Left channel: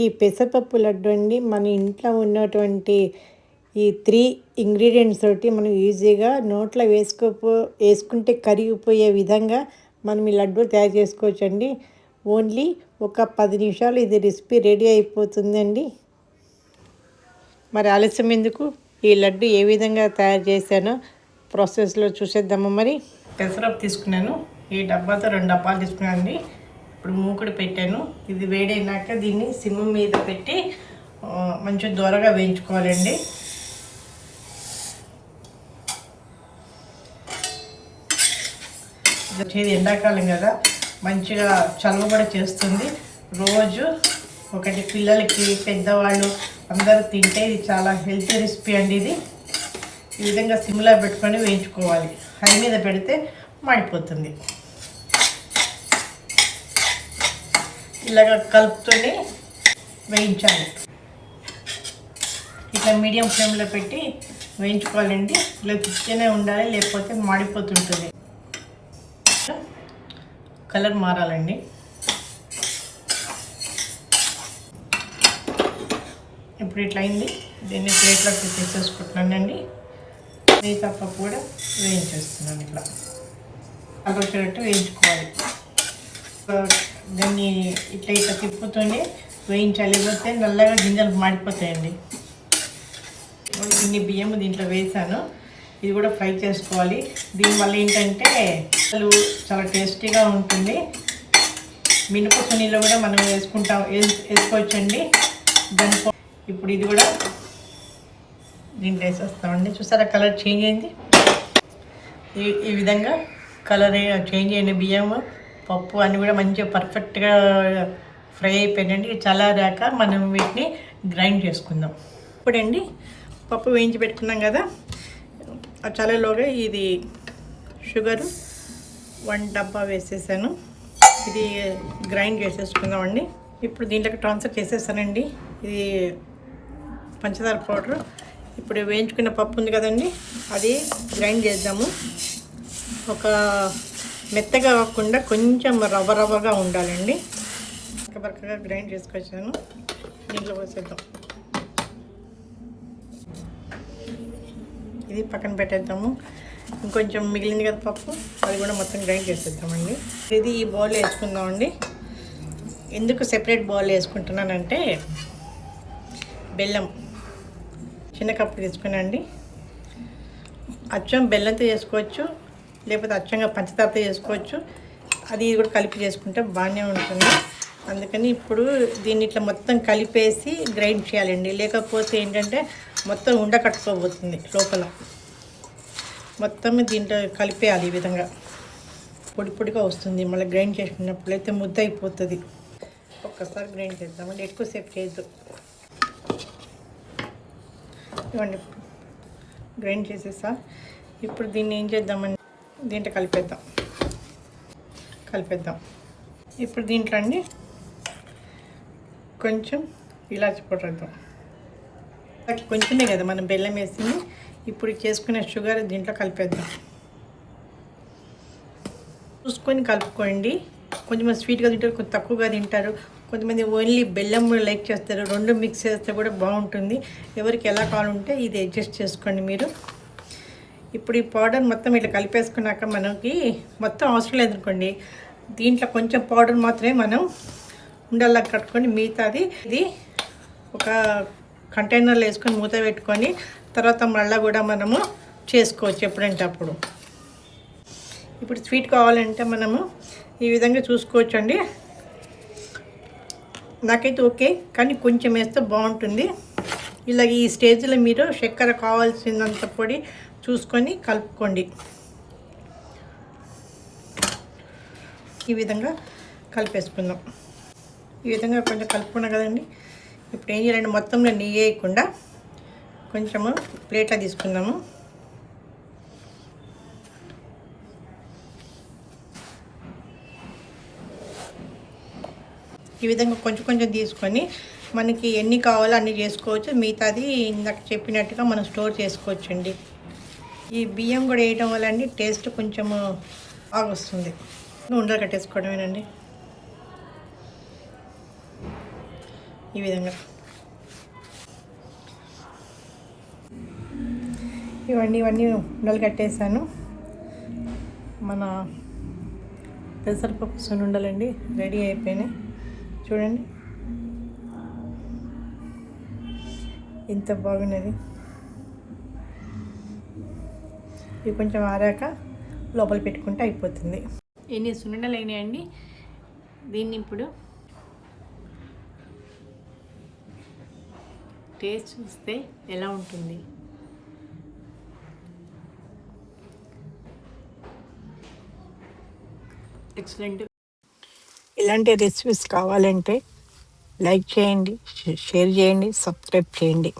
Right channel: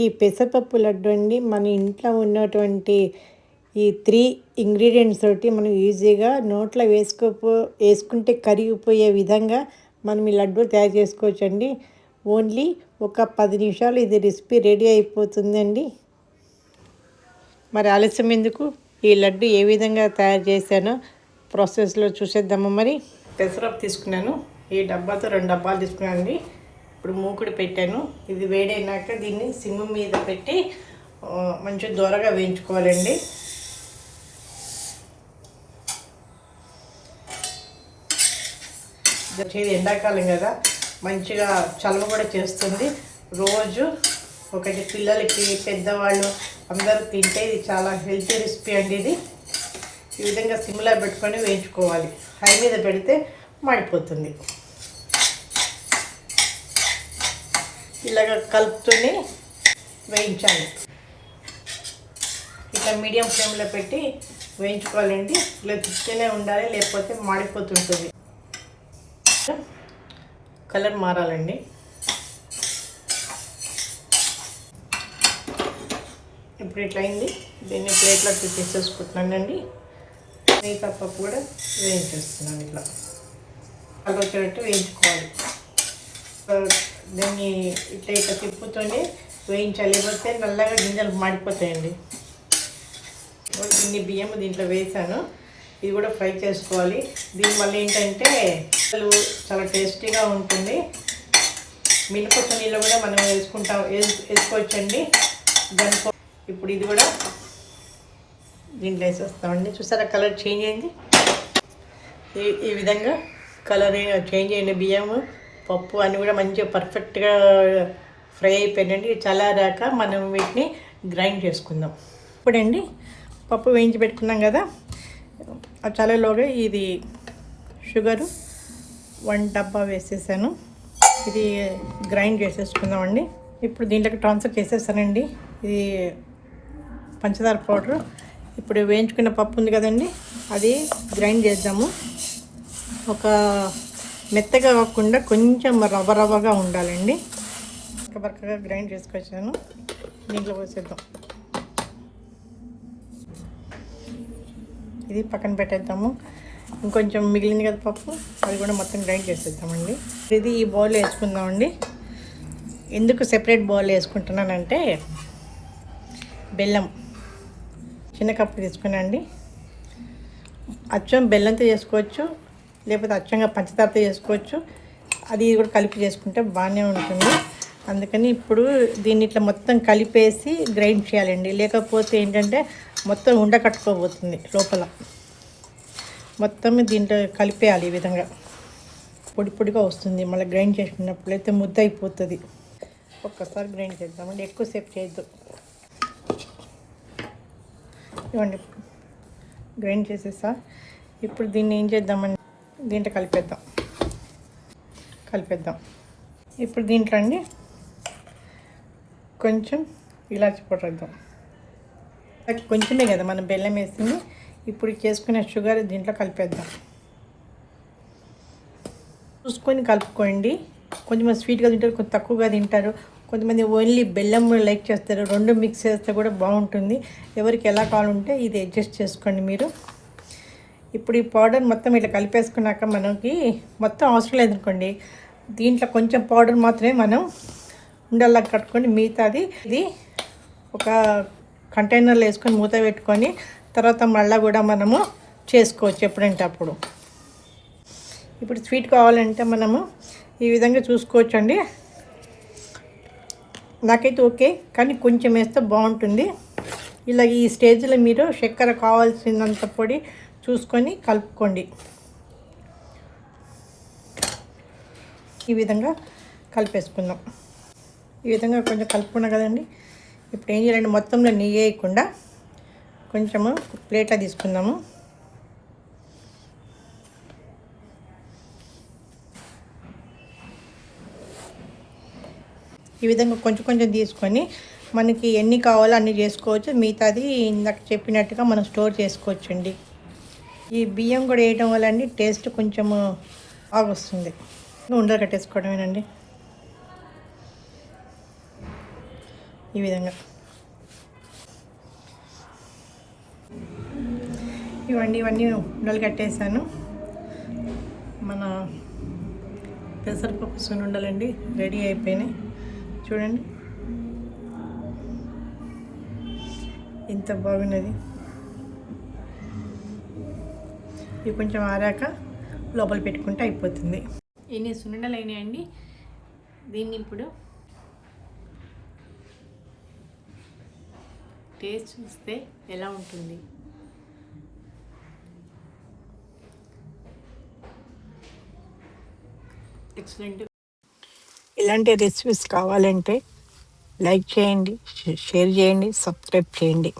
ఈ పెసరపప్పు లడ్డు అండి మన ఇంట్లో ఉన్నటువంటి ఈ 3 ఇంగ్రీడియంట్స్ తోటి మనం ఈజీగా నోట్లో వేసుకుంటే కరిగిపోయే విధంగా మనం ఈ లడ్డు తయారు చేసుకోవచ్చండి. ఓన్లీ ఒక 10 నిమిషాలు ఇది రెసిపీ రెడీ అయిపోతుందండి. మరి ఆలస్యం ఎందుకు, ఈ లడ్డు ఏ విధంగా తయారు చేశానో ప్రాసెస్లో చూసేద్దాము. మరి పెసరపప్పు తీసుకున్నాను, ఈ డబ్బాతో 2 డబ్బాలు తీసుకున్నానండి. ఇప్పుడు మూకుడు పెట్టాను. ఇది వేడైనాక దీన్ని సిమ్ మీద పెట్టి మంచిగా దూరగా వేయించుకోవాలండి. వచ్చేది ఎండాకాలం కదా, మంచిగా చలువ కూడా చేస్తుంది. రోజు ఒకటి పిల్లలకి, పెద్దవాళ్ళు అందరూ తింటే ఇది చాలా హెల్తీ రెసిపీ అండి. ఇది ఈ విధంగా సిమ్లో పెట్టుకొని వేయించుకోవాలి. హై మీద పెడితే మాడిపోతుంది. ఇలాగ కలుపుతూనే వేయించాలి. ఇట్లా మీడియం ఫ్లేమ్లో పెట్టి వేయించుకోవాలండి. ఇలా తిప్పుతూనే ఉండాలి, లేకపోతే మాడిపోతుంటుంది. కలర్ మారాలండి. ఇప్పుడు ఇట్లా అయింది. దీన్ని ప్లేట్లోకి తీసేసుకుంటున్నానండి. మిగతా పప్పు కూడా వేయించేస్తున్నాను. ఇట్లా కలర్ వచ్చేటట్టు వేయించుకోవాలి. దాన్ని ఇట్లా ఇట్లా తిప్పుతూనే వేయించాలి, లేకపోతే నల్లగా గింజలు మాడిపోతాయండి. ఇన్ని బియ్యం దీంట్లో వేసాను. ఇది కూడా ఫ్రై చేసుకోవాలి. దీనివల్ల ఏంటంటే అసలు చాలా టేస్టీగా ఉంటుంది. మినపప్పు నీళ్ళు కూడా మనం వేసుకోవచ్చండి. దానితో ఇప్పుడు ఇది కూడా దీంట్లో వేసేస్తామండి. చూసారా కలర్ చేంజ్ అయింది. ఈ విధంగా కలర్ చేంజ్ అయింది. బియ్యం, పప్పు అన్నీ కూడా మంచిగా పర్ఫెక్ట్గా ఫ్రై అయిపోయిందండి. చల్లారాక మనం వీటిని గ్రైండ్ చేసుకుందాం. ఇప్పుడండి పప్పు వేయించి పెట్టుకున్నాం కదా, ఆ చల్లలోగా ఇది షుగరు 1 డబ్బా వేసేసాను. ఇది గ్రైండ్ చేసేసుకుందామండి. ఇప్పుడు దీంట్లోకి ట్రాన్స్ఫర్ చేసేసానండి. ఇది పంచదార పౌడరు. ఇప్పుడు వేయించుకున్న పప్పు ఉంది కదండి, అది గ్రైండ్ చేద్దాము. ఒక మెత్తగా కాకుండా కొంచెం రవ్వగా ఉండాలండి. బరకగా గ్రైండ్ చేసుకొచ్చాను. దీంట్లో పోసేద్దాం. ఇది పక్కన పెట్టేద్దాము. ఇంకొంచెం మిగిలింది కదా పప్పు, అది కూడా మొత్తం గ్రైండ్ చేసేద్దామండి. ఇది ఈ బౌల్ వేసుకుందామండి. ఎందుకు సెపరేట్ బౌల్ వేసుకుంటున్నానంటే, బెల్లం చిన్న కప్పు తీసుకున్నాండి. అచ్చం బెల్లంతో చేసుకోవచ్చు, లేకపోతే అచ్చంగా పంచదారతో చేసుకోవచ్చు. అది కూడా కలిపి చేసుకుంటే బాగానే ఉంటుంది. అందుకని ఇప్పుడు దీన్ని ఇట్లా మొత్తం కలిపేసి గ్రైండ్ చేయాలండి. లేకపోతే ఏంటంటే మొత్తం ఉండకట్టుకోబోతుంది లోపల. మొత్తం దీంట్లో కలిపేయాలి. ఈ విధంగా పొడిగా వస్తుంది. మళ్ళీ గ్రైండ్ చేసుకున్నప్పుడు అయితే ముద్ద అయిపోతుంది. ఒక్కసారి గ్రైండ్ చేద్దామండి, ఎక్కువసేపు చేయొద్దు. ఇవ్వండి, గ్రైండ్ చేసేసా. ఇప్పుడు దీన్ని ఏం చేద్దామండి, దీంట్లో కలిపేద్దాం. ఇప్పుడు దీంట్లో అండి కొంచెం ఇలాచి పౌడర్ వేద్దాం. కొంచెమే కదా మనం బెల్లం వేసింది. ఇప్పుడు చేసుకునే షుగర్ దీంట్లో కలిపేద్దాం. చూసుకొని కలుపుకోండి. కొంచెం స్వీట్గా తింటారు, కొంచెం తక్కువగా తింటారు. కొంతమంది ఓన్లీ బెల్లం లైక్ చేస్తారు. 2 మిక్స్ చేస్తే కూడా బాగుంటుంది. ఎవరికి ఎలా కావాలంటే ఇది అడ్జస్ట్ చేసుకోండి మీరు. ఇప్పుడు ఈ పౌడర్ మొత్తం ఇట్లా కలిపేసుకున్నాక మనకి మొత్తం అవసరం లేదనుకోండి, దీంట్లో కొంచెం పౌడర్ మాత్రమే మనం ఉండల్లా కట్టుకొని, మిగతాది ఇది ఒక కంటైనర్లో వేసుకొని మూత పెట్టుకొని తర్వాత మళ్ళీ కూడా మనము చేసుకోవచ్చు ఎప్పుడంటే అప్పుడు. ఇప్పుడు స్వీట్ కావాలంటే మనము ఈ విధంగా చూసుకోవచ్చు అండి. నాకైతే ఓకే, కానీ కొంచెం వేస్తే బాగుంటుంది. ఇలా ఈ స్టేజ్లో మీరు చక్కెర కావాల్సినంత పొడి చూసుకొని కలుపుకోండి. ఈ విధంగా కలిపేసుకుందాం. ఈ విధంగా కొంచెం కలుపుకున్నాం కదండి. ఇప్పుడు ఏం చేయాలండి, మొత్తంలో నెయ్యి వేయకుండా కొంచెము ప్లేట్లో తీసుకుందాము. ఈ విధంగా కొంచెం తీసుకొని మనకి ఎన్ని కావాలో అన్నీ చేసుకోవచ్చు. మిగతాది ఇందాక చెప్పినట్టుగా మనం స్టోర్ చేసుకోవచ్చండి. ఈ బియ్యం కూడా వేయటం వల్ల అండి టేస్ట్ కొంచెము బాగా వస్తుంది. ఉండలు కట్టేసుకోవడమేనండి. ఈ విధంగా. ఇవన్నీ ఉండలు కట్టేసాను. మన పెసరపప్పు సున్నుండలండి రెడీ అయిపోయినాయి. చూడండి ఇంత బాగున్నది. ఇవి కొంచెం ఆరాక లోపల పెట్టుకుంటే అయిపోతుంది. ఎన్ని సున్నుండలు అయినాయండి. దీన్ని ఇప్పుడు టేస్ట్ చూస్తే ఎలా ఉంటుంది. ఎక్సలెంట్. ఇలాంటి రెసిపీస్ కావాలంటే లైక్ చేయండి, షేర్ చేయండి, సబ్స్క్రైబ్ చేయండి.